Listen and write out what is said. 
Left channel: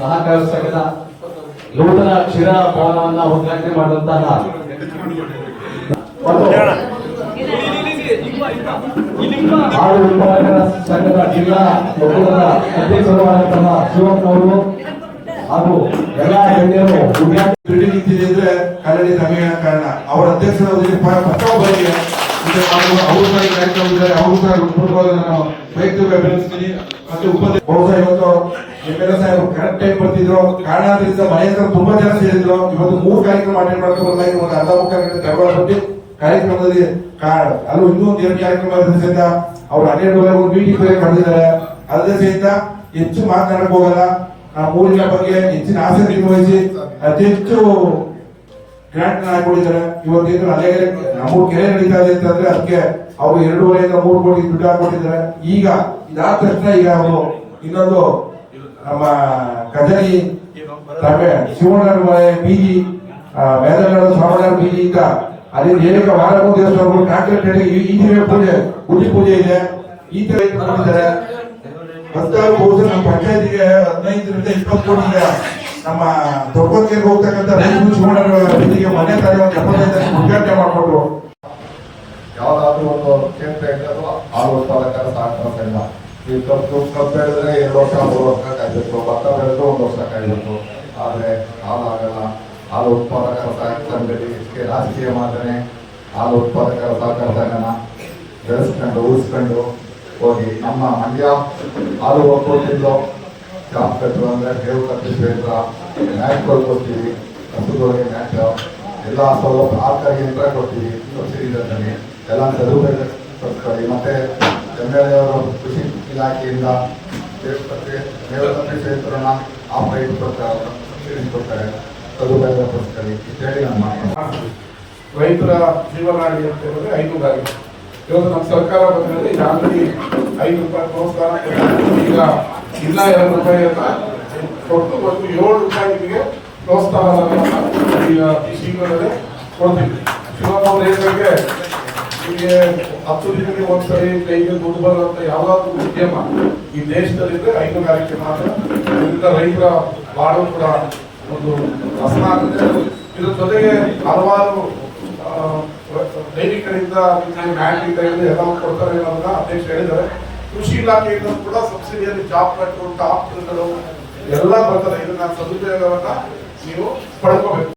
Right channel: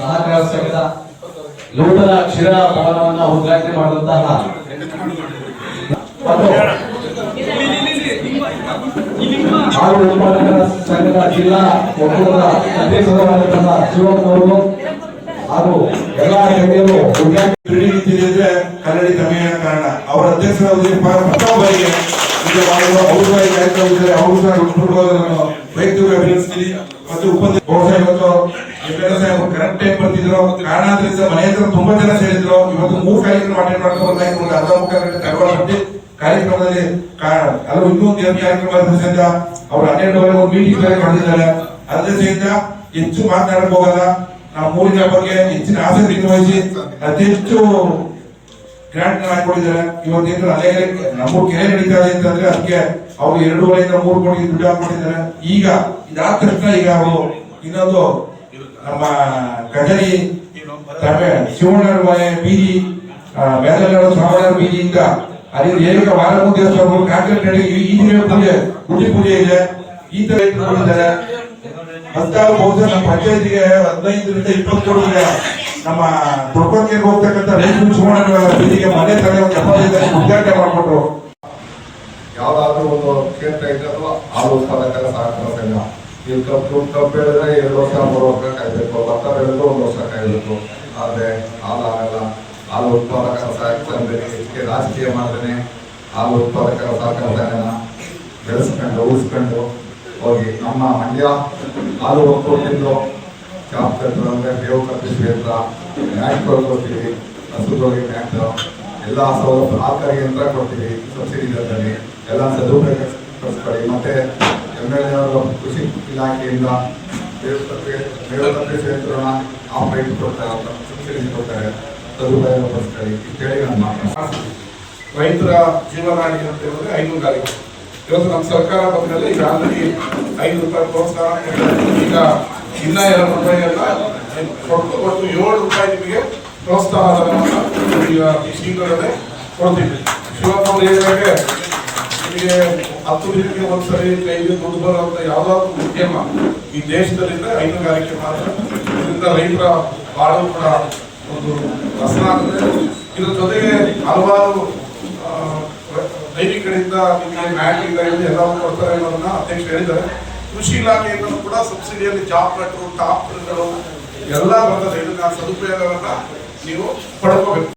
ಸಹಕಾರ ಸಂಘದ ನೂತನ ಕ್ಷೀರ ಭವನವನ್ನು ಉದ್ಘಾಟನೆ ಮಾಡುವಂತಹ ಹಾಲು ಉತ್ಪಾದಕರ ಸಂಘದ ಜಿಲ್ಲಾ ಒಕ್ಕೂಟದ ಅಧ್ಯಕ್ಷರಾದಂತಹ ಶಿವಪ್ಪ ಅವರು ಹಾಗೂ ಎಲ್ಲ ಗಣ್ಯರು ಉದ್ಘಾಟನೆ ಕನ್ನಡಿ ತಮಿಳಿನ ಕಾರಣ ಅವರ ಅಧ್ಯಕ್ಷರಾದ ಪ್ರಥಮ ಬಾರಿಗೆ ಇದು ಮಾಡುವ ಅವರು ಕಾರ್ಯಕ್ರಮದಲ್ಲಿ ಅವರು ಸಹ ಉತ್ಪನ್ನವಾಗಿ ನಾನು ವೈಯಕ್ತಿಕ ಅಭಿನಂದಿಸ್ತೀನಿ. ಮತ್ತು ಬಹುಶಃ ಇವತ್ತು MLA ಸಾಹೇಬರು ಕರೆಕ್ಟ್ ಟೈಮ್ ಬರ್ತಿದ್ರು, ಕಾರಣಾಂತರದಿಂದ ಮನೆ ಹತ್ರ ತುಂಬಾ ಜನ ಸೇರಿದ್ರು. ಇವತ್ತು 3 ಕಾರ್ಯಕ್ರಮ ಅಟೆಂಡ್ ಮಾಡ್ಕೊಂಡಾಗಿ ಒಂದು ಅರ್ಧ ಮುಕ್ಕಾಲು ಗಂಟೆ ಧಾರವಾಡ ಬಂದು ಕಾರ್ಯಕ್ರಮದಲ್ಲಿ ಅಲ್ಲೂ ಇನ್ನೂ ಕಾರ್ಯಕ್ರಮ ಇರೋದ್ರಿಂದ ಅವ್ರು 12 ಒಂದು ಮೀಟಿಂಗ್ ಬೇರೆ ಮಾಡಿದ್ದಾರೆ. ಅದೇ ಸಹಿತ ಹೆಚ್ಚು ಮಾತನಾಡಕ್ ಹೋಗಲ್ಲ. ನಾವು ಊರಿನ ಬಗ್ಗೆ ಹೆಚ್ಚಿನ ಆಸಕ್ತಿಯನ್ನು ವಹಿಸಿ ಅತಿ ಹೆಚ್ಚು ಗ್ರಾಂಟ್ ಹಾಕೊಂಡಿದ್ದಾರೆ. ಇವತ್ತೇನು ಅಲ್ಲೇ ನಮ್ಮೂರು ಕೆರೆ ನಡೀತಾ ಇದೆ ಅಂತಂದ್ರೆ ಅದಕ್ಕೆ ಅವರು 2.5 ಇಂದ 3 ಕೋಟಿ ದುಡ್ಡು ಹಾಕೊಂಡಿದ್ದಾರೆ. ಈಗ ಇದಾದ ತಕ್ಷಣ ಈಗ ಅವರು ಇನ್ನೊಂದು ನಮ್ಮ ಕಜರಿ ಶಿವಣ್ಣರ ಬೀದಿ ಮೇದನಾಡು ಶ್ರಾವಣರ ಬೀದಿಯಿಂದ ಅಲ್ಲಿ ಏಕ ವಾರಮು ದೇವಸ್ಥಾನ ಕಾಂಕ್ರೀಟ್ ಇಂಜಿನಿಯರ್ ಪೂಜೆ ಗುಡಿ ಪೂಜೆ ಇದೆ. ಈ ತರ ಇಟ್ಕೊಂಡಿದ್ದಾರೆ. ಬಂದಾಗ ಬಹುಶಃ ನಮ್ಮ ಪಂಚಾಯತ್ಗೆ 15 ರಿಂದ 20 ಕೋಟಿ ನಮ್ಮ ದೊಡ್ಡಕ್ಕೆ ಹೋಗ್ತಕ್ಕಂಥ ರೈತರು ಶಿವಣ್ಣನ ಬೀದಿಗೆ ಮನೆ ತಲೆ ಒಂದು 75 ಉದ್ಘಾಟನೆ ಮಾಡಿಕೊಟ್ರು. ಯಾವ್ದಾದ್ರು ಒಂದು ಕ್ಷೇತ್ರ ಇದ್ದರೂ ಹಾಲು ಉತ್ಪಾದಕರ ಸಹಕಾರ ಸಂಘ. ಈಗ ಕಬ್ಬು ಬೆಳೆದ್ರೆ 2 ವರ್ಷ 3 ವರ್ಷ ಕಾಯ್ಬೇಕು, ಭತ್ತ ಬೆಳೆದ್ರೆ 1 ವರ್ಷ ಕಾಯ್ಬೇಕು. ಆದ್ರೆ ಹಾಲಾಗಲ್ಲ. ಹಾಲು ಉತ್ಪಾದಕರ ಸಹಕಾರ ಸಂಘದಲ್ಲಿ ಇದಕ್ಕೆ ರಾಜಕೀಯ ಮಾಡ್ದೇನೆ ಹಾಲು ಉತ್ಪಾದಕರ ಸಹಕಾರ ಸಂಘನ ಬೆಳೆಸ್ಕೊಂಡು ಉಳಿಸ್ಕೊಂಡು ಹೋಗಿ ನಮ್ಮ ಮಂಡ್ಯ ಹಾಲು ಒಕ್ಕೂಟದಿಂದ ಜಾಬ್ ಕಟ್ಟರು ಅಂದ್ರೆ ಬೇವು ಕಟ್ಟಿ ಕ್ಷೇತ್ರ ಮ್ಯಾಟ್ ಕೊಡ್ತೀವಿ, ಹಸುಗಳಿಗೆ ಮ್ಯಾಟ್ ಎಲ್ಲ ಸೌಲಭ್ಯ ಆಕಾರಿ ಯಂತ್ರ ಕೊಡ್ತೀವಿ ಸಬ್ಸಿಡಿ ದರದಲ್ಲಿ. ಎಲ್ಲ ಸದುಪಯೋಗಪಡಿಸ್ಕೊಳ್ಳಿ. ಮತ್ತೆ MLA ಅವರು ಕೃಷಿ ಇಲಾಖೆಯಿಂದ ದೇವತಪ್ಪಿ ಕ್ಷೇತ್ರನ ಆಫ್-ರೈಟ್ ಕೊಡ್ತಾರೆ, ಸಬ್ಸಿಡಿ ಕೊಡ್ತಾರೆ, ಸದುಪಯೋಗಪಡಿಸ್ಕೊಳ್ಳಿ ಇಷ್ಟೇಳಿ ನಾನು ಮಾತನಾಡ್ತೀನಿ. ರೈತರ ಜೀವನಾಡಿ ಅಂತ ಹೇಳಿದ್ರೆ ಹೈನುಗಾರಿಕೆ. ಇವತ್ತು ನಮ್ಮ ಸರ್ಕಾರ ಬಂದ್ಮೇಲೆ ಈಗ ಆಲ್ರೆಡಿ 5 ರೂಪಾಯಿ ಪ್ರೋತ್ಸಾಹ ಈಗ ಇನ್ನ 2 ರೂಪಾಯಿ ಅಂತ ಕೊಟ್ಟು ಮತ್ತು 7 ರೂಪಾಯಿ ನಿಮಗೆ ಪ್ರೋತ್ಸಾಹ ಈಗ ಶೀಘ್ರದಲ್ಲೇ ಕೊಡ್ತೀವಿ. ಶಿವಪ್ಪ ಹೇಳಿದಾಗೆ ನಿಮಗೆ 10 ದಿನಕ್ಕೆ ಒಂದ್ಸರಿ ಕೈಗೆ ದುಡ್ಡು ಬರುವಂತ ಯಾವ್ದಾದ್ರು ಉದ್ಯಮ ಈ ದೇಶದಲ್ಲಿದ್ರೆ ಹೈನುಗಾರಿಕೆ ಮಾತ್ರ. ಇದರಿಂದ ರೈತರ ಬಾಳು ಕೂಡ ಒಂದು ಹಸನ ಆಗುತ್ತೆ. ಇದ್ರ ಜೊತೆಗೆ ಹಲವಾರು ದೈನಿಕರಿಂದ ನಿಮಗೆ ಮ್ಯಾಟ್ ಇಂದ ಎಲ್ಲ ಕೊಡ್ತಾರೆ ಅನ್ನೋದನ್ನ ಅಧ್ಯಕ್ಷ ಹೇಳಿದ್ದಾರೆ. ಕೃಷಿ ಇಲಾಖೆಯಿಂದ ಕೂಡ ಸಬ್ಸಿಡಿಯಲ್ಲಿ ಜಾಬ್ ಕಟ್ಟರು ಟಾಪ್ಗಳು ಎಲ್ಲ ಬರ್ತದೆ. ಇದನ್ನ ಸದುಪಯೋಗವನ್ನ ನೀವು ಪಡ್ಕೋಬೇಕು.